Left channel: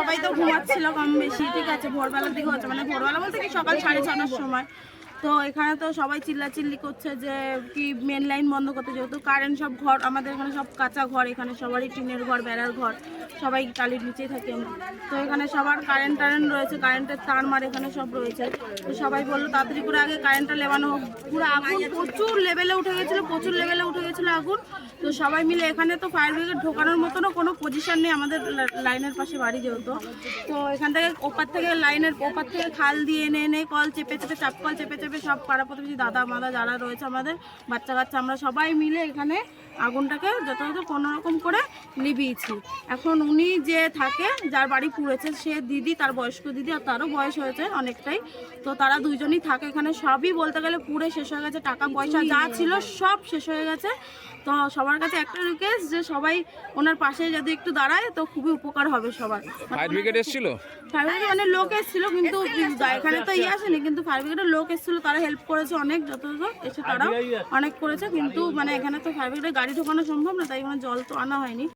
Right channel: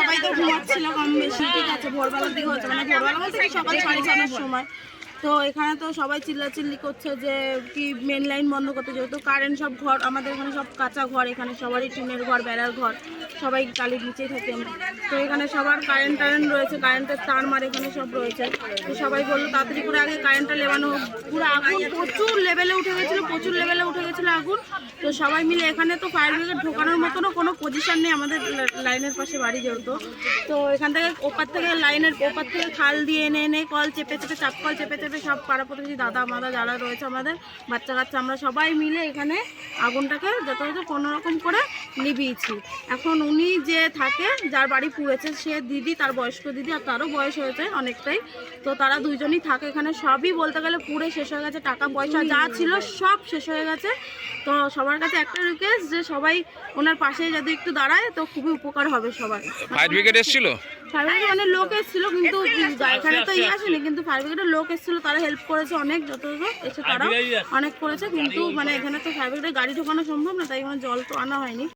সবাই তো ঘুমাচ্ছিল কম বেশি, ঠিক আছে, ভোরবেলার দিকে হচ্ছে, মানে ভোরবেলা বলতে কি সকাল 6:30টার সময়। তো এখানে তো সবাই চিল্লাচিল্লি করছে যে কি মেন লাইন বন্ধ করতে, যেহেতু কারেন্ট সব ঘর আমাদের এখানে সব কাঁচা ঘর, এখানে সবারই টিনের ঘর, বেড়ার ঘর, সবাই টালির নিচেই থাকি আমরা। তো এখানে সবার কারেন্ট রয়েছে, কারেন্টের তার মার এখানে সব রয়েছে। তো সবাই বললো তাড়াতাড়ি করে আগে কারেন্টটা লেবানো হোক। পুরো আগুন প্রচুর লেভেলে উঠে গেছিলো, প্রচুর লেভেলে উঠে গেছিলো আগুন। তো সবাই মিলে এখানে তো ফায়ার ব্রিগেড ঢোকানোর মতনও কোনো পজিশন নেই আমাদের লাইনের পাশে বাড়ি যেহেতু। তো এখান থেকে ওপার থেকে লাইনের ওপার থেকে খাল দিয়ে এনে এনে কল চেপে চেপে চাপ কল চেপে চেপে সব পাড়া প্রতিবেশী দাদা মাদা যারা রয়েছে আমাদের বাচ্চা কাচ্চা আমরা সবাই মিলে এখানে আগুনটাকে যথাযথ কোনোরকম করে নিভিয়েছি। এখন উনি যে থাকে যার বাড়ি পুড়েছে সে দিদি, তার বয়স্ক দিদি, আর তারও বয়স হয়েছে অনেকটাই। তো তারা দুইজনই থাকে এখানে। সবই বলতে গেলে পুড়ে শেষ হয়ে গেছে, টাকা পয়সা যা ছিল সব শেষ হয়ে গেছে। তো সবার কাছে একটা রিকোয়েস্ট যে সবাই ওনার পাশে যদি একটু দাঁড়ায় তো খুবই উপকার হবে সবার। ফায়ার ব্রিগেড এসেছিল, ফায়ার ব্রিগেড মানে লোক এসেছিল, কিন্তু এখানে তো আসেনি, কিন্তু ফায়ার ব্রিগেডের লোক এসেছিল, তারা হেল্প করেছে অনেক, যতটুকু এসে তারা অনেক করেছে। কিন্তু মানে এখানে তো ফায়ার ব্রিগেডের গাড়ি ঢোকানো সম্ভব না, তাই জল তো আনা হয়নি।